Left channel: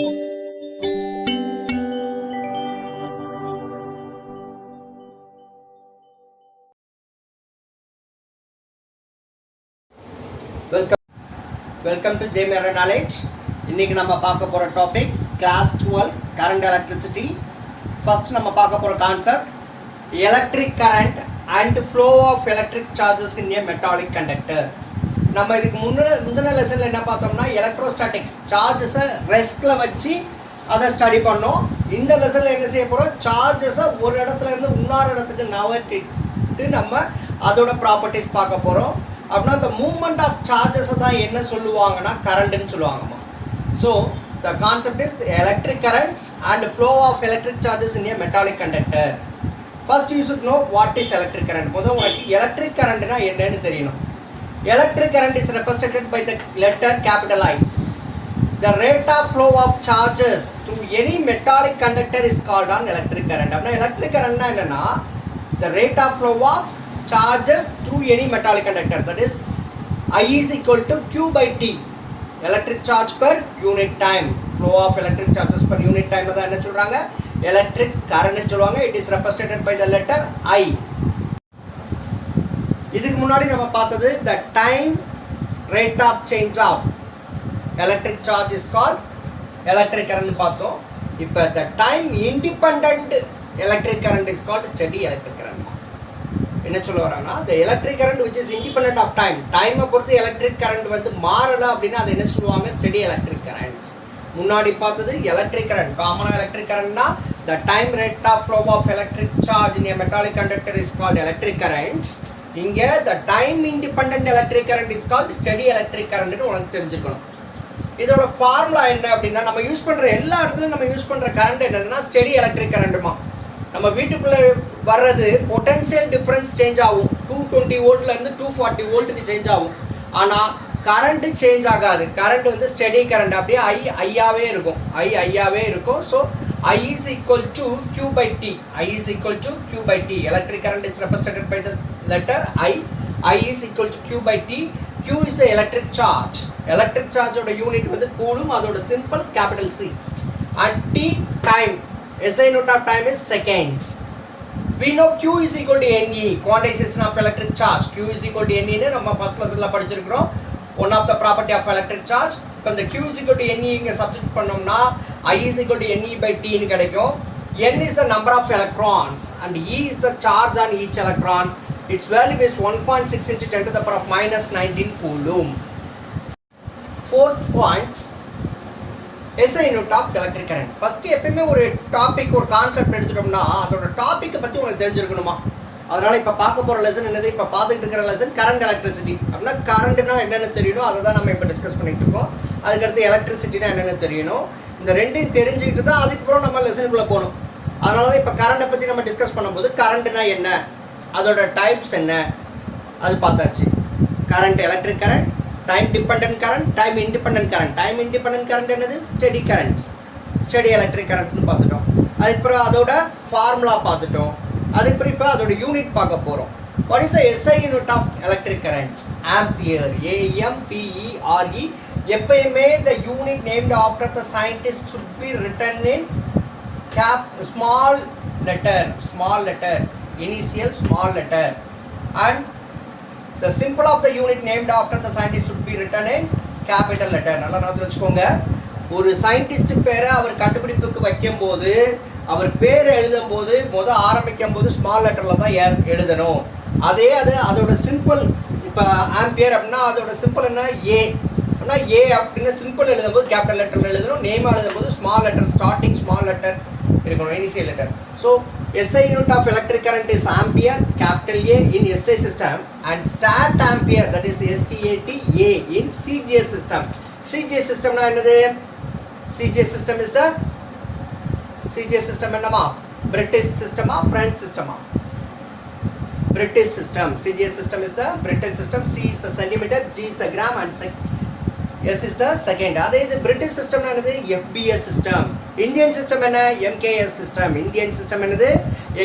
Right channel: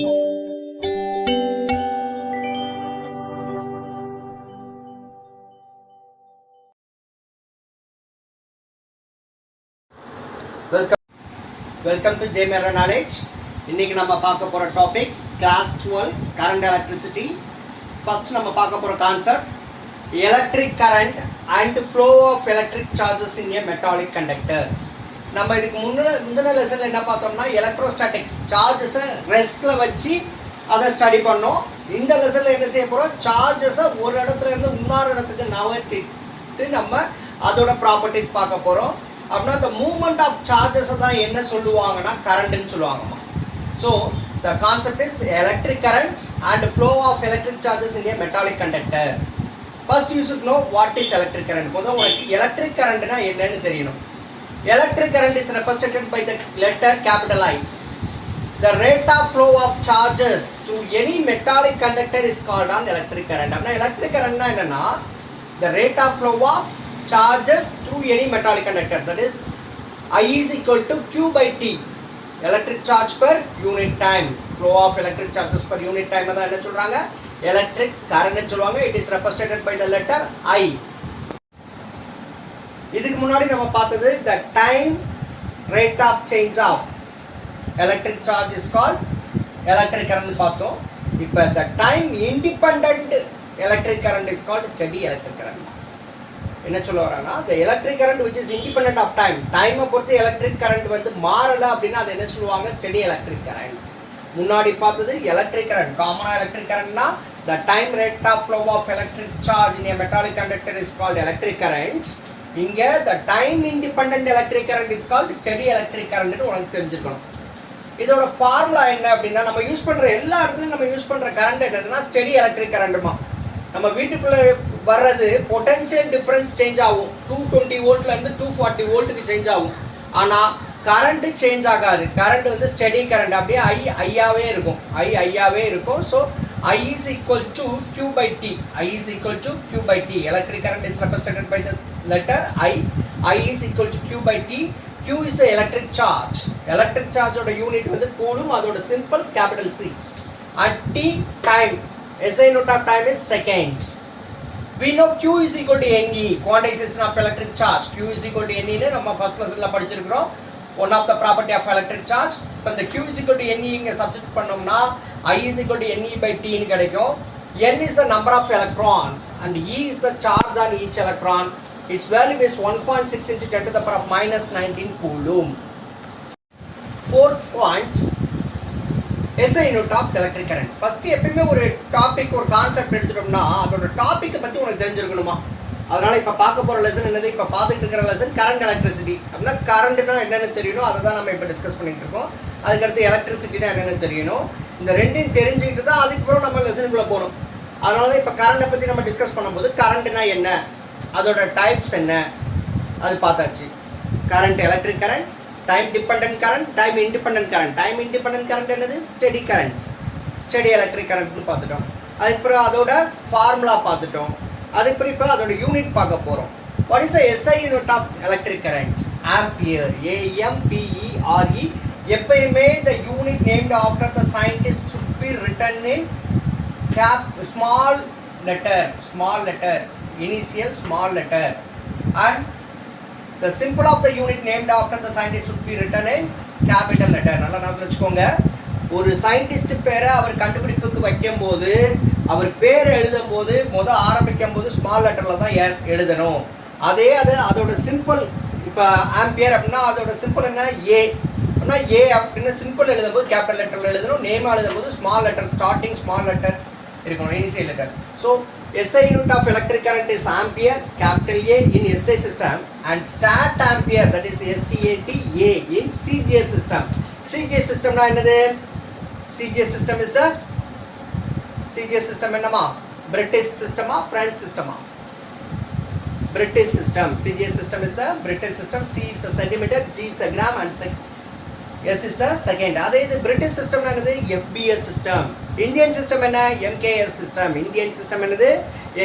Welcome to J Mirror Knowledge. இன்னைக்கு நம்ம பார்க்க போற topic class 12 current electricity. First நம்ம பார்க்க போற concept electric current and flow of electric charges in a metallic conductor. நம்ம இதுக்கு முந்தின லெசன்ல என்ன பார்த்தோம்னா எலக்ட்ரோஸ்டாட்டிக்ஸ் சார்ஜஸை ரெஸ்ட்ல வச்சு அதை ஸ்டடி பண்ணோம். இந்த லெசன்ல என்ன செய்ய போறோம், சார்ஜஸை ஒரு இடத்துல இருந்து இன்னொரு இடத்துக்கு நகர்த்திட்டு நம்ம அதோட ப்ராப்பர்ட்டிஸ் பார்க்க போறோம். அப்படின்னா the movement of charges தான் என்ன சொல்லுவாங்கன்னா கரண்ட்னு சொல்லுவாங்க. So the concept is the electric currents and flow of electric charges in a metallic conductor. First you should know what is electric current. முதல்ல உங்களுக்கு electric currentனா என்னன்னு தெரியணும். Electric current is represented by the letter capital I. The rate of flow of charges through any metallic conductor is called an electric current. அப்படின்னா electric currentனா என்னன்னா the rate of flow of charges through any metallic conductor, that is I is equal to Q by T, electric charge per unit time. Flow of electric charges per unit time அதான் என்ன சொல்றாங்க, electric current சொல்லுவாங்க. It is represented by the letter I. இதுக்கு முன்னாடி நம்ம பார்த்தது the time rate of change of electric charge is called electric current பார்த்தோம். இப்போ the time independent electric current is called steady electric current. என்ன சொல்ல வராங்கன்னா the electric current which is independent of time, டைமை பொறுத்து electric current வந்து மாறல அப்படின்னா அது என்ன சொல்லுவாங்க, steady electric current. முன்னாடி பார்த்தது electric current, காமனா electric currentனா the time rate of flow of electric charge in a metallic conductor is called electric current. இங்க the time independent electric current is called steady electric current னு உங்களுக்கு தெரிஞ்சிருக்கணும். இதோட formula என்ன அப்படின்னா நம்ம யூஸ் பண்ற எல்லா இடத்துலயும் நம்ம யூஸ் பண்ற கரண்ட் என்னதுன்னா ஸ்டெடி எலக்ட்ரிக் கரண்ட்மா. நம்ம வீட்டுக்குள்ள வர்றது பொட்டன்ஷியல் டிஃபரன்ஸ் சேஞ்ச் ஆகும், 220 வோல்ட்ல இருந்து 240 வோல்ட்டுக்கு சேஞ்ச் ஆகும். ஆனா கரண்ட் சேஞ்ச் ஆகாது. கரண்ட் வந்து ஸ்டெடி கரண்ட், அப்படியே ஐயாவே இருக்கும், ஐயாவே இருக்கும். So I is equal to Q by T. I is equal to Q by T. Electric current is represented by this letter I. I is equal to Q by T. Q is the electric charge. Electric charge oda unit வந்து coulomb, அதோட simple capital C. And T time, SI unit of time is seconds. We know Q is equal to NE, quantization of electric charge. Q is equal to NE னு நம்ம first லெசன்ல படிச்சிருக்கோம். One of the property of electric charge. இப்போ இந்த Q is equal to NE இங்க substitute பண்ணோம்னா I is equal to NE by T னு கிடைக்கும். N is the number of electrons and E is the charge on each electron. Its value is 1.6 into 10 to the power of minus 19 coulomb. Fourth point, SI unit of electric current. First எப்பவுமே ஒரு topic ஒரு concept எடுத்துட்டோம்னா அதோட டாபிக்கை பத்தி உங்களுக்கு தெரிஞ்சிருக்கணுமா. அதனால இப்ப பார்க்க போற லெசன் என்னது, இப்ப பார்த்துட்டு இருக்கிற லெசன் கரண்ட் எலக்ட்ரிசிட்டி. அப்படின்னா கரண்ட்னா என்னன்னு தெரியணும், அதை தான் நம்ம இப்ப டிஸ்கஸ் பண்ணிட்டு இருக்கோம். அதுக்கடுத்து எலக்ட்ரிசிட்டினா என்னன்னு தெரியணும். இந்த ரெண்டையும் தெரிஞ்சுக்கிட்டு தான் அதுக்கப்புறம் நம்ம லெசனுக்குள்ள போகணும். அதனாலதான் இப்ப கரண்டை பத்தி நம்ம டிஸ்கஸ் பண்ணும்போது கரண்ட்னா என்ன, அதோட டைப்ஸ் என்ன அது பார்த்தாச்சு. Current electric current, time dependent current, time independent current. Time independent current என்னது, ஸ்டெடி கரண்ட், ஸ்டெடி எலக்ட்ரிக் கரண்ட்னு பார்த்துட்டோம். அதுக்கப்புறம் அதோட ஃபார்முலா பார்த்துட்டோம். அதுக்கப்புறம் இப்போ அதோட யூனிட் பார்க்க போறோம். What is the SI unit of electric current? Ampere, AMPERE. எப்பயுமே the unit named after the scientist should be written in small letter, initial small letter, and the symbol of the unit named after the scientist should be written in capital letter. நல்லா ஞாபகம் வச்சுக்கோங்க. ஒரு scientist பேரை அவர் கண்டுபிடிப்புக்கு வைக்கும் போது, அவர் பேர் எழுதும் போது ஆரம்பிக்கும் போது ஸ்மால் லெட்டர்ல தான் எழுதணும். அதோட சிம்பிள், இப்ப ஆம்பியர் அப்படின்னா அதோட சிம்பிள் என்ன, ஏ அப்படின்னா ஏ அப்படின்னு சிம்பிள் எழுதும் போது கேபிட்டல் லெட்டர்ல எழுதணும். நேம் எழுதும் போது small letter, starting small letter இருக்கணும், initial letter. So SI unit of electric current is ampere, capital A in SI system, and stat ampere, that is STATA in CGS system. CGS system na என்னது, CGS system is the CGS system என்னமா, British system ah French system ah, British system. CGS system is the British system. C is the centimeter, G is the gram, and S is the second. அதே இது British system என்னது, FBS system. Indian system என்ன, MKS system. Indian system என்னது,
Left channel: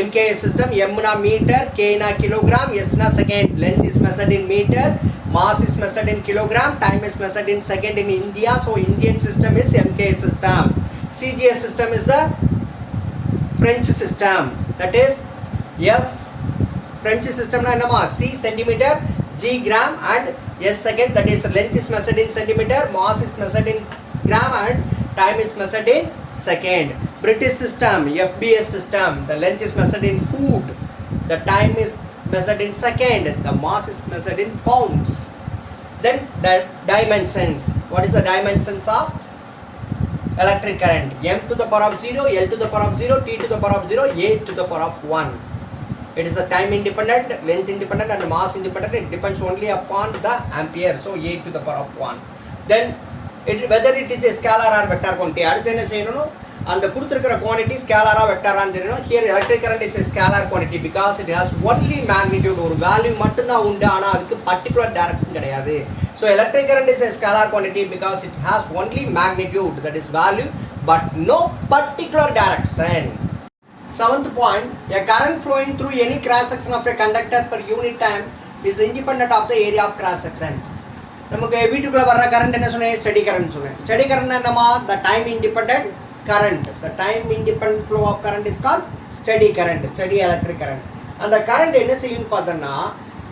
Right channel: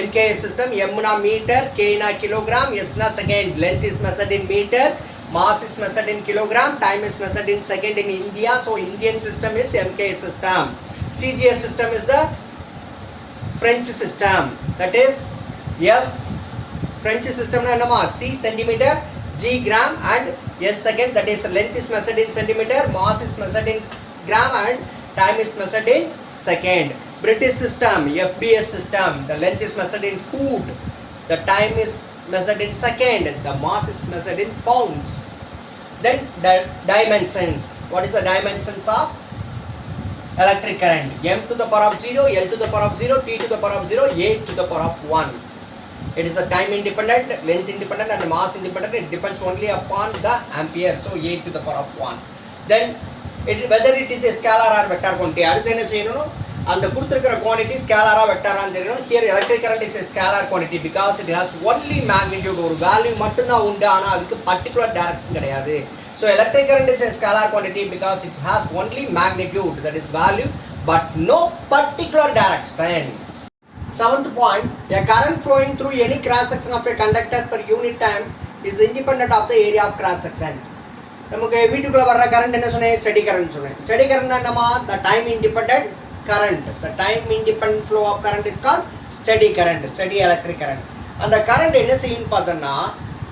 MKS system. M na meter, K na kilogram, S na second. Length is measured in meter, mass is measured in kilogram, time is measured in second in India. So Indian system is MKS system. CGS system is the French system. That is F French system na nama C centimeter, G gram and S second. That is length is measured in centimeter, mass is measured in gram and time is measured in second. British system, FBS system, the length is measured in foot, the time is measured in second, the mass is measured in pounds. Then the dimensions. What is the dimensions of electric current? M to the power of 0, L to the power of 0, T to the power of 0, A to the power of 1. It is the time independent, length independent and mass independent. It depends only upon the ampere. So A to the power of 1. Then whether it is a scalar or vector quantity. அடுத்து என்ன செய்யணும்? அந்த கொடுத்திருக்கிற quantity scalar or vector ஆன்னு தெரியணும். Here electric current is a scalar quantity because it has only magnitude. ஒரு value மட்டும் தான் உண்டு, ஆனா அதுக்கு particular direction கிடையாது. So electric current is a scalar quantity because it has only magnitude, that is value, but no particular direction. Seventh point, a current flowing through any cross section of a conductor per unit time is independent of the area of cross section. நமக்கு வீட்டுக்குள்ள வர்ற current என்ன சொன்னேன்? Steady current சொன்னேன். Steady current என்னமா? the time independent current. The time independent flow of current is called steady current, steady electric current. அந்த current என்ன செய்யும் பார்த்தோம்னா,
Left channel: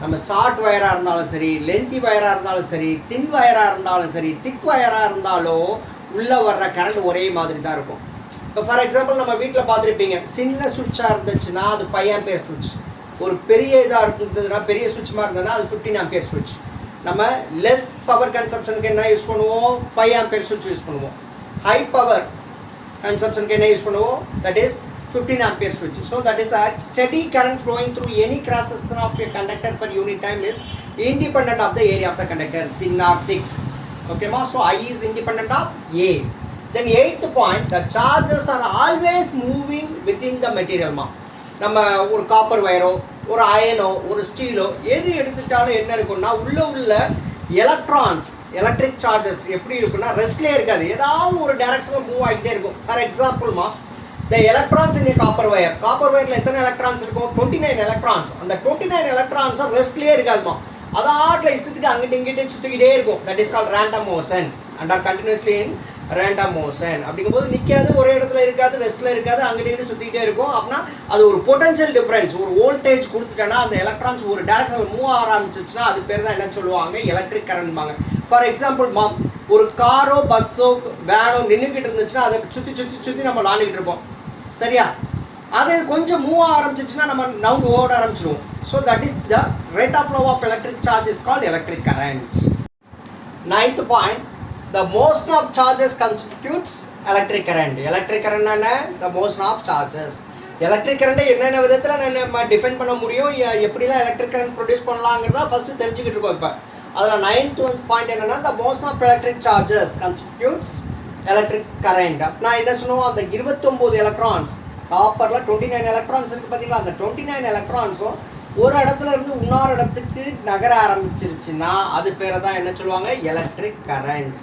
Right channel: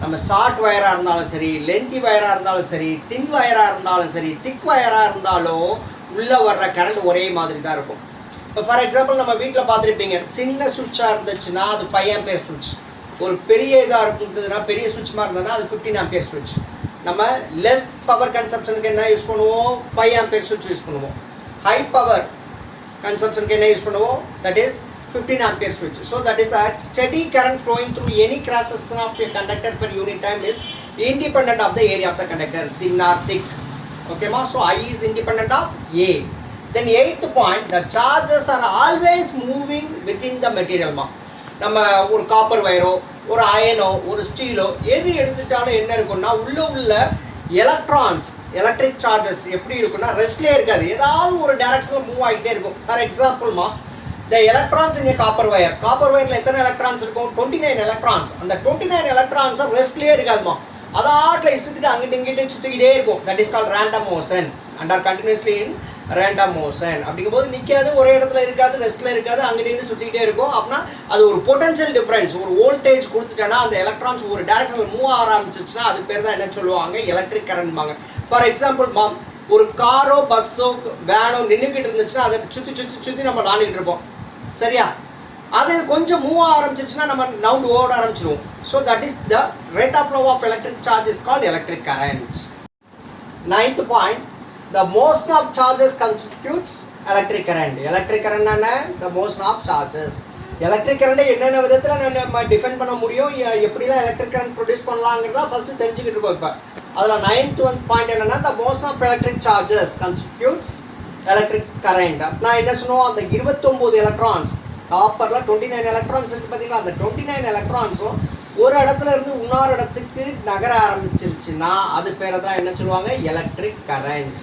நம்ம ஷார்ட் வயரா இருந்தாலும் சரி, லென்த்தி வயரா இருந்தாலும் சரி, தின் வயரா இருந்தாலும் சரி, திக் வயரா இருந்தாலும் உள்ள வர்ற கரண்ட் ஒரே மாதிரி தான் இருக்கும். இப்போ ஃபார் எக்ஸாம்பிள் நம்ம வீட்டில் பார்த்துருப்பீங்க, சின்ன சுவிட்சாக இருந்துச்சுன்னா அது 5 ஆம்பியர் சுவிட்ச், ஒரு பெரிய இதாக இருந்ததுன்னா பெரிய சுவிட்ச் மாதிரி இருந்ததுன்னா அது 15 ஆம்பியர் சுவிட்ச். நம்ம லெஸ் பவர் கன்சப்ஷனுக்கு என்ன யூஸ் பண்ணுவோம்? 5 ஆம்பியர் சுவிட்ச் யூஸ் பண்ணுவோம். ஹை பவர் கன்சப்ஷனுக்கு என்ன யூஸ் பண்ணுவோம்? தட் இஸ் 15 ஆம்பியர் சுவிட்ச். So that is a steady current flowing through any cross section of a conductor per unit time is independent of the area of the conductor, thin or thick. ஓகேமா? So I is independent of A. Then eighth point, the charges are always moving within the material. நம்ம ஒரு copper வயரோ, ஒரு அயனோ, ஒரு ஸ்டீலோ எது எடுத்துட்டாலும் என்ன இருக்கும்னா உள்ள electrons, electric charges எப்படி இருக்கும்னா ரெஸ்ட்லேயே இருக்காது, ஏதாவது ஒரு டைரக்ஷனில் மூவ் ஆகிட்டே இருக்கும். ஃபார் எக்ஸாம்பிள்மா, the electrons in a copper wire, copper வயரில் எத்தனை எலக்ட்ரான்ஸ் இருக்கும்? 29 எலக்ட்ரான்ஸ். அந்த 29 எலக்ட்ரான்ஸை ரெஸ்ட்லேயே இருக்காதுமா, அதாட்டில் இஷ்டத்துக்கு அங்கிட்டு இங்கிட்டு சுற்றிக்கிட்டே இருக்கும். That is called random motion and are continuously in random motion. அப்படிங்கும்போது நிற்காது, ஒரே இடத்துல இருக்காது, ரெஸ்ட்ல இருக்காது, அங்கிட்டு சுற்றிக்கிட்டே இருக்கும். அப்படின்னா அது ஒரு பொட்டன்ஷியல் டிஃபரன்ஸ், ஒரு வோல்டேஜ் கொடுத்துட்டேன்னா அந்த எலக்ட்ரான்ஸ் ஒரு டைரக்ஷனில் மூவ் ஆரம்பிச்சிச்சுன்னா அது பேர் தான் என்ன சொல்லுவாங்க? எலக்ட்ரிக் கரண்ட்பாங்க. ஃபார் எக்ஸாம்பிள் ஒரு காரோ பஸ்ஸோ வேனோ நின்றுக்கிட்டு இருந்துச்சுன்னா அதை சுற்றி நம்ம விளாண்டுக்கிட்டு இருப்போம், சரியா? அது கொஞ்சம் மூவ் ஆரம்பிச்சிச்சுன்னா நம்ம நவுண்ட் ஓட ஆரம்பிச்சிடுவோம். So that is the rate of flow of electric charge is called electric current. Ninth point, the motion of charges constitutes electric current. Electric current என்ன? The motion of charges. Electric கரண்ட்டை என்னென்ன விதத்தில் நம்ம define பண்ண முடியும், எப்படிலாம் electric current produce பண்ணலாங்கிறதா first தெரிஞ்சுக்கிட்டு இருக்கோம். இப்போ அதில் 9th பாயிண்ட் என்னன்னா, the motion of electric charges constitutes electric current. அப்படின்னா என்ன சொல்லுவோம்? அந்த 29 எலக்ட்ரான்ஸ், காப்பரில் 29 எலக்ட்ரான்ஸ் இருக்குது பார்த்தீங்களா, அந்த 29 எலக்ட்ரான்ஸும் ஒரு இடத்துல இருந்து இன்னொரு இடத்துக்கு நகர ஆரம்பிச்சிருச்சுன்னா அது பேரை தான் என்ன சொல்லுவாங்க? Electric current.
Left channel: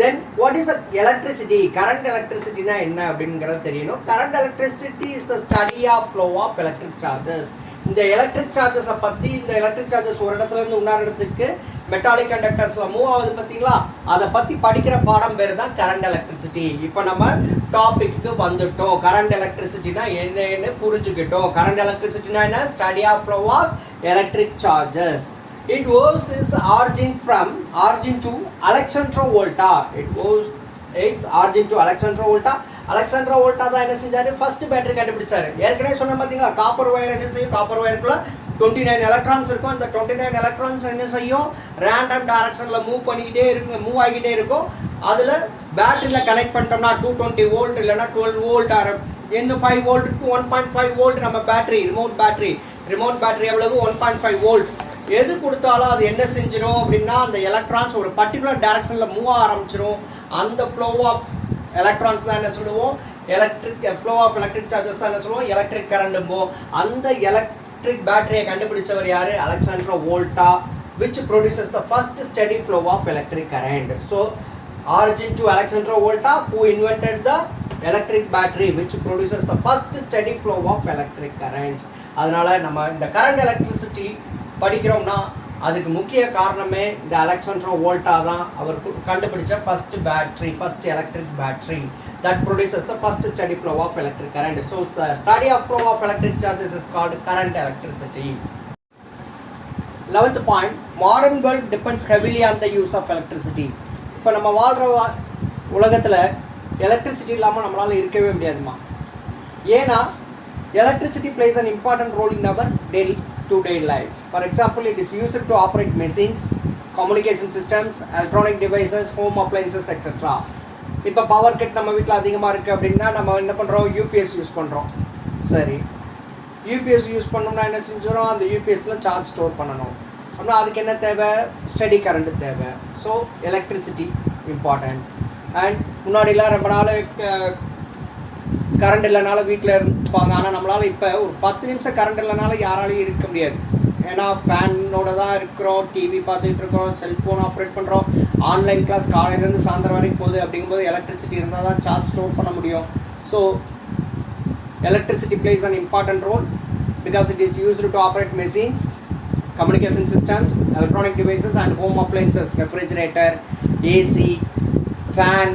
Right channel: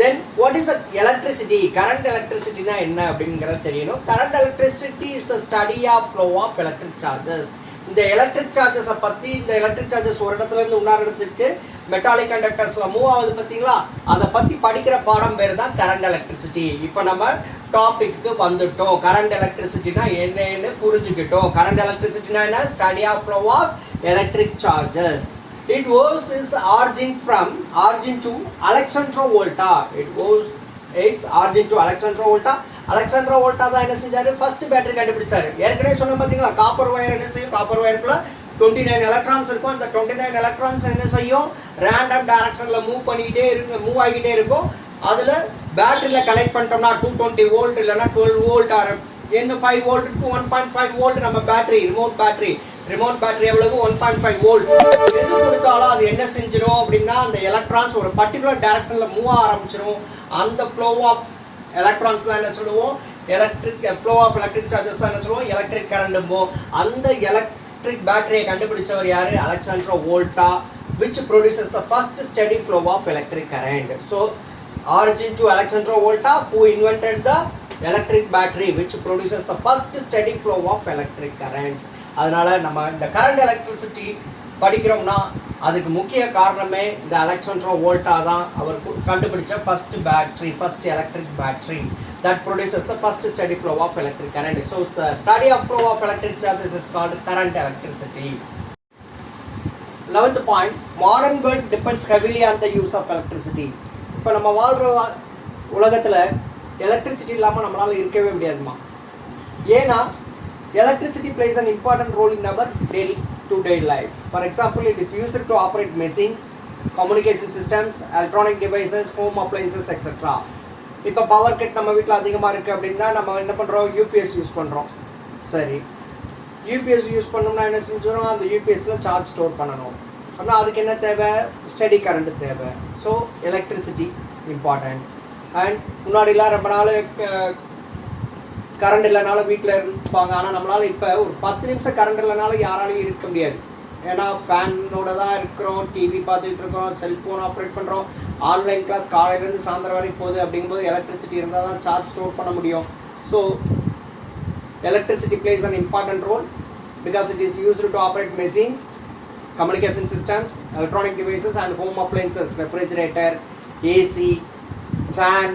Then what is electricity? Current எலக்ட்ரிசிட்டினா என்ன அப்படிங்கிறத தெரியணும். Current electricity is the study of flow of electric charges. இந்த எலக்ட்ரிக் சார்ஜஸை பற்றி, இந்த எலக்ட்ரிக் சார்ஜஸ் ஒரு இடத்துல இருந்து இன்னொரு இடத்துக்கு மெட்டாலிக் கண்டக்டர்ஸ்ல மூவ் ஆகுது பார்த்தீங்களா, அதை பற்றி படிக்கிற பாடம் பேர் தான் கரண்ட் எலக்ட்ரிசிட்டி. இப்போ நம்ம டாபிக்கு வந்துட்டோம். கரண்ட் எலக்ட்ரிசிட்டினா என்னன்னு புரிஞ்சுக்கிட்டோம். கரண்ட் எலக்ட்ரிசிட்டினா என்ன? Study of flow of electric charges. It owes its origin to Alexandro Volta. Its origin to Alexandro Volta. Alexandro Volta தான் என்ன செஞ்சாரு? ஃபர்ஸ்ட் பேட்டரி கண்டுபிடிச்சாரு. ஏற்கனவே சொன்ன பார்த்தீங்களா, காப்பர் வயர் என்ன செய்யும்? காப்பர் வயருக்குள்ள 29 எலக்ட்ரான்ஸ் இருக்கும். அந்த 29 எலக்ட்ரான்ஸ் என்ன செய்யும்? ரேண்டம் டைரக்ஷன்ல மூவ் ஆகிட்டே இருக்கும். அதுல பேட்டரியில கனெக்ட் பண்ணிட்டோம்னா 220 வோல்ட் இல்லைன்னா 12 வோல்ட் என்ன 5 வோல்ட் டு 1.5 வோல்ட் நம்ம பேட்டரி, ரிமோட் பேட்டரி எவ்வளவு? 1.5 வோல்ட். எது கொடுத்தாலும் அது என்ன செஞ்சிடும் அப்படின்னா, அந்த எலக்ட்ரான்ஸ் ஒரு பர்டிகுலர் டைரக்ஷன்ல மூவ் ஆரம்பிச்சிடும். அந்த ஃப்ளோ ஆஃப் எலக்ட்ரான்ஸ் தான் என்ன சொல்லுவோம்? Electric flow of electric charges தான் என்ன சொல்லுவோம்? Electric current. அந்த எலக்ட்ரிக் பேட்டரியை கண்டுபிடிச்சவர் யாரு? Alessandro Volta, which produces the first steady flow of electric current. So origin to Alexandro Volta, who invented the electric battery, which produces the first steady flow of electric current. அதனால நம்ம இந்த current electricity படிக்கிறோம்னா அதுக்கு முக்கிய காரணமே இந்த Alexander வோல்டா தான். அவர் கண்டுபிடிச்ச first electric battery that produces the first steady flow of electric current. So the study of flow of electric charges is called current electricity. 11th point, modern world depends heavily on the use of electricity. இப்போ நம்ம வாழ்கிற உலகத்தில் electricity இல்லாமல் நம்மளால் இருக்கவே முடியாதுமா. ஏன்னா electricity plays an important role in our daily to-day life. For example, it is used to operate machines, communication systems, electronic devices, home appliances, etc. இப்போ பவர் கட் நம்ம வீட்டில் அதிகமாக இருக்குது அப்படின்னா நம்ம என்ன பண்ணுறோம், யூபிஎஸ் யூஸ் பண்ணுறோம். சரி, யூபிஎஸ் யூஸ் பண்ணோம்னா என்ன செஞ்சிடும், அந்த யூபிஎஸ்சில் சார்ஜ் ஸ்டோர் பண்ணணும் அப்படின்னா அதுக்கு என்ன தேவை, ஸ்டெடி கரண்ட்டு தேவை. So electricity important. அண்ட் முன்னாடிலாம் ரொம்ப நாள் கரண்ட் இல்லைனால வீட்டில் இருப்பாங்க. ஆனால் நம்மளால் இப்போ ஒரு 10 நிமிஷம் கரண்ட் இல்லைனால யாராலையும் இருக்க முடியாது. ஏன்னா ஃபேனோட தான் இருக்கிறோம், டிவி பார்த்துட்டு இருக்கிறோம், செல்ஃபோன் ஆப்ரேட் பண்ணுறோம், ஆன்லைன் கிளாஸ் காலையிலேருந்து சாயந்தரம் வரைக்கும் போகுது. அப்படிங்கும்போது எலக்ட்ரிசிட்டி இருந்தால் தான் சார்ஜ் ஸ்டோர் பண்ண முடியும். So electricity plays an important role because it is used to operate machines, communication systems, electronic devices and home appliances, refrigerator, AC, fan,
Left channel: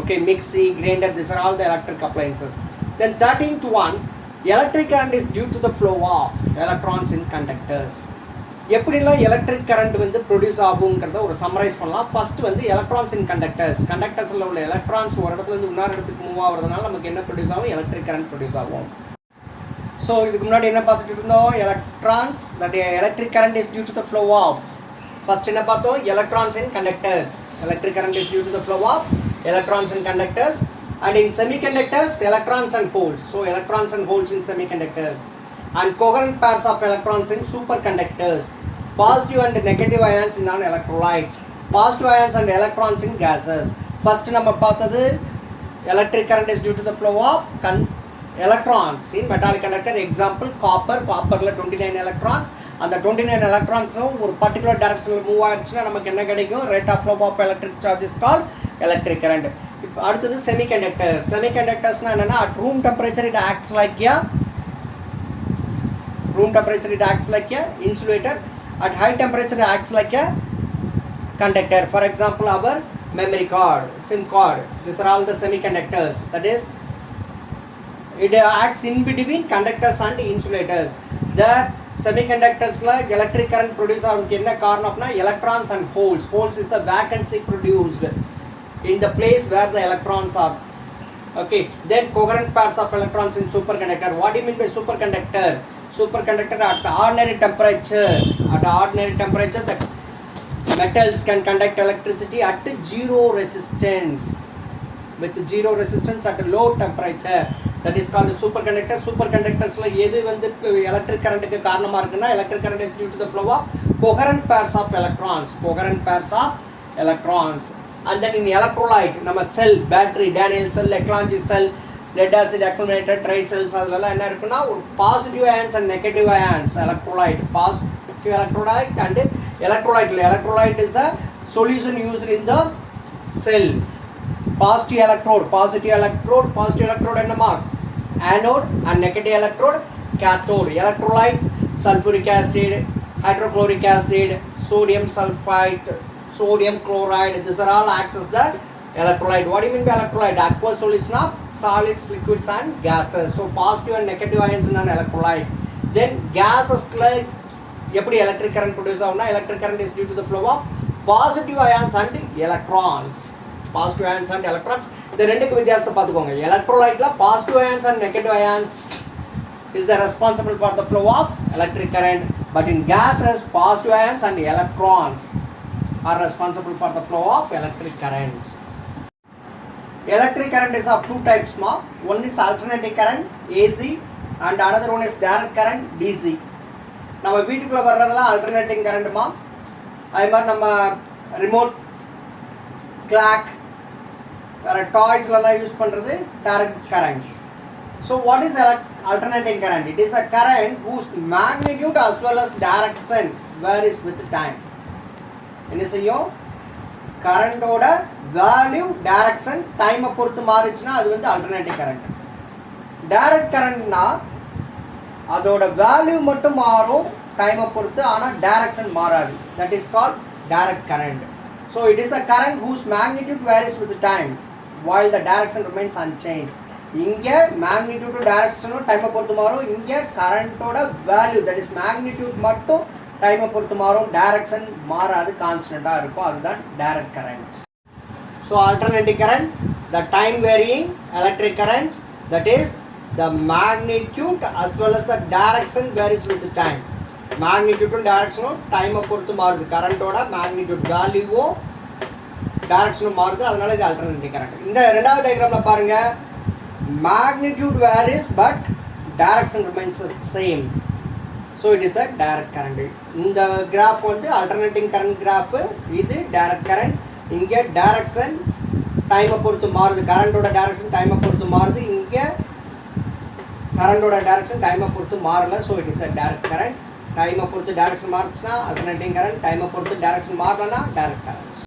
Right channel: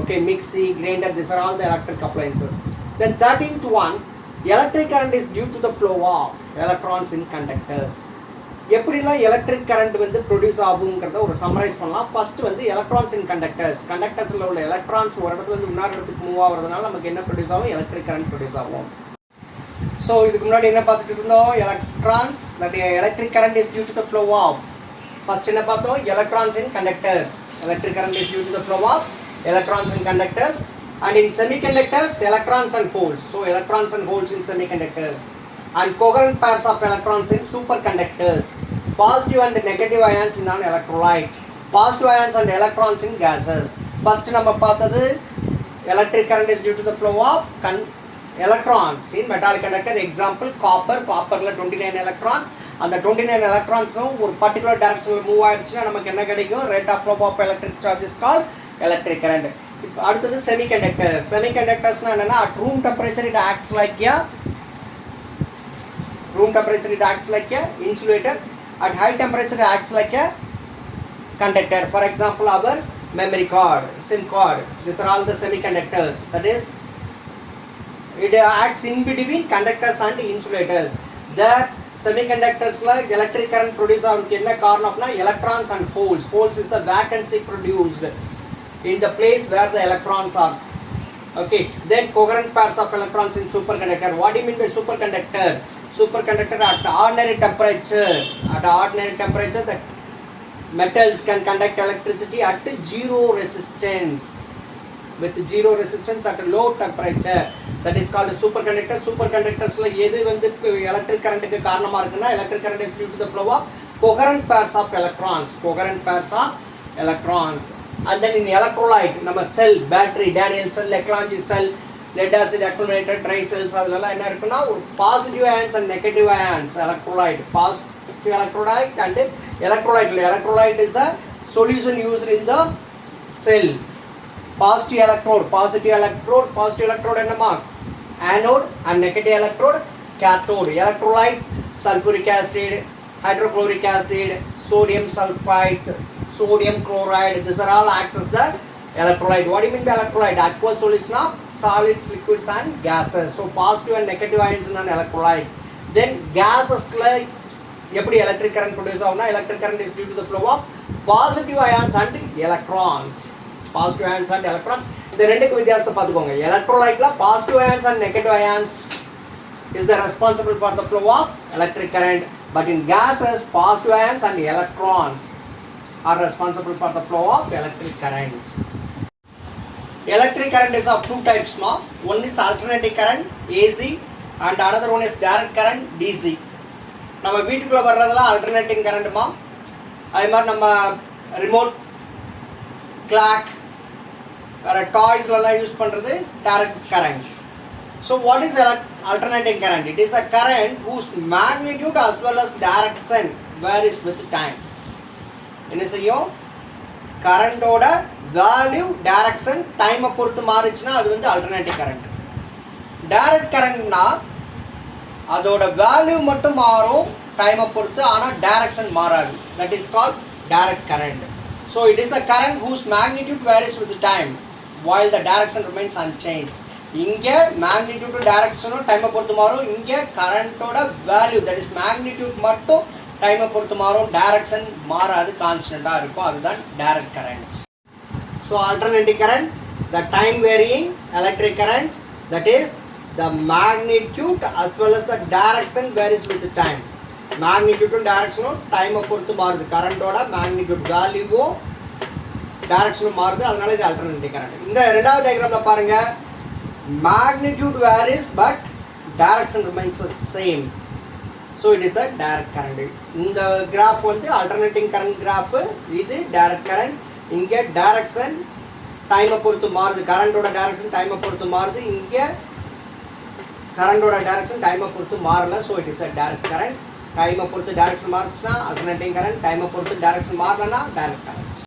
okay, mixie, grinder, these are all the electric appliances. Then 13 to 1, the electric current is due to the flow of electrons in conductors. எப்படிலாம் electric current வந்து produce ஆகுங்கிறத ஒரு summarise பண்ணலாம். First வந்து electrons இன் கண்டக்டர்ஸில் உள்ள electrons ஒரு இடத்துல இருந்து இன்னொரு இடத்துக்கு மூவ் ஆகுறதுனால நமக்கு என்ன ப்ரொடியூஸ் ஆகும், எலக்ட்ரிக் கரண்ட் ப்ரொடியூஸ் ஆகும். ஸோ இதுக்கு முன்னாடி என்ன பார்த்துட்டு இருந்தோம், electrons, that electric current is due to the flow of. First என்ன பார்த்தோம், electrons in conductors. Electric current is due to the flow of electrons in conductors, and in semiconductors electrons and holes. So electrons and holes in semiconductors, and coherent pairs of electrons in superconductors, positive and negative ions in an electrolyte, positive ions and electrons in gases. First நம்ம பார்த்தது electric current is due to the flow of electrons in metallic conductor. Example copperல 29 electrons. அந்த 29 electronsம் ஒரு particular டைரக்ஷனில் move ஆயிடுச்சுன்னா நமக்கு என்ன கிடைக்கும், rate of flow of electric charge is called electric current. இப்போ அடுத்தது செமிகண்டக்டர்ஸ்னா என்னன்னா, at room temperature it acts like a insulator, at high temperature it acts like a conductor. For example, our memory card, SIM card, these are all the semiconductors. That is, it acts in between conductors and insulators. The semiconductors like electric current produce ஆகிறதுக்கு என்ன காரணம்னா, electrons and holes is the vacancy produced in the place where the electrons are. Okay, then coherent pairs of electrons in superconductor. What do you mean by superconductor? Superconductor at ordinary temperature, the metals can conduct electricity at zero resistance, with zero resistance at low temperature. That is called a superconductor. Superconductorsல எது வந்து electric கரண்ட்டுக்கு காரணமா இருக்குன்னா, electric current is due to the flow of coherent pairs of electrons. And then in electrolyte, நம்ம செல், battery, Daniel செல், Leclanché செல், lead acid accumulator, dry cells, அதெல்லாம் என்ன இருக்குன்னா, ஒரு positive ions and negative ions electrolyte. Positive electrolyte and electrolyte is the solution used in the cell. Positive electrode என்னமா, anode, and negative electrode cathode. Electrolytes, sulfuric acid, hydrochloric acid, sodium sulfite, sodium chloride, these are all acts as the electrolyte. What do you mean by electrolyte? Aqueous solution of solids, liquids and gases. So positive and negative ions in an electrolyte. Then gases like எப்படி electric current produce ஆகும்னா, electric current is due to the flow of positive ions and electrons. இந்த ரெண்டுக்கு வித்தியாசத்தை பார்த்துக்கோங்க. எலக்ட்ரோலைட்ல positive ions and negative ions is the responsible for the flow of electric current, but in gases positive ions and electrons are responsible for the flow of electric current. Electric current is of two types. One is alternating current, AC, and another one is direct current, DC. நம்ம வீட்டுக்குள்ள வர்றதெல்லாம் alternating current மா. அதே மாதிரி நம்ம remote clock வேற டாய்ஸ்லாம் use பண்றது direct currents. So what is alternating current? It is a current whose magnitude as well as direction varies with time. என்ன செய்யும், கரண்டோட வேல்யூ, டைரக்ஷன், டைமை பொறுத்து மாறிச்சுன்னா அது வந்து ஆல்டர்னேட்டிவ் கரண்ட். டைரக்ட் கரண்ட்னா அதோட வேல்யூ மட்டும் மாறும், டைமை பொறுத்து, ஆனால் டைரக்ஷன் மாறாது. That is called direct current. So it is the current whose magnitude varies with time while the direction remains unchanged. இங்கே மேக்னிடியூட் டைரக்ஷனும் டைமை பொறுத்து மாறும். இங்கே கரண்ட்டோட வேல்யூ தட் இஸ் மேக்னிடியூட் மட்டும் டைமை பொறுத்து மாறும். டைரக்ஷன் மாறாது, கான்ஸ்டன்டாக இருக்கும். அதுதான் direct currents. So alternating current, the time varying electric currents, that is the magnitude as well as the direction varies with time. magnitude direction time பொறுத்து மாறுது. கரண்டோட மேக்னிடியூட் வேல்யூவும் டைரக்ஷனும் மாறுது. அதனால இது ஆல்டர்னேட்டிங் கரண்ட். இந்த ரெண்டாவது டயக்ராம்ல பாருங்க, magnitude varies but direction remains the same. so it is a direct current. இந்த கிராஃப் வந்து ஆல்டர்னேட்டிங் கரண்ட் கிராஃப், இது டைரக்ட் கரண்ட். இங்க டைரக்ஷன் டைமை பொறுத்து மாறுது. கரண்டோட டைரக்ஷன் டைமை பொறுத்து மாறுது. இங்க கரண்டோட டைரக்ஷன் டைமை பொறுத்து மாறல. So it is a direct current. டைமை பொறுத்து டைரக்ஷன் மாறுச்சுன்னா ஆல்டர்னேட்டிங் கரண்ட், டைமை பொறுத்து டைரக்ஷன் மாறலன்னா டைரக்ட் கரண்ட்.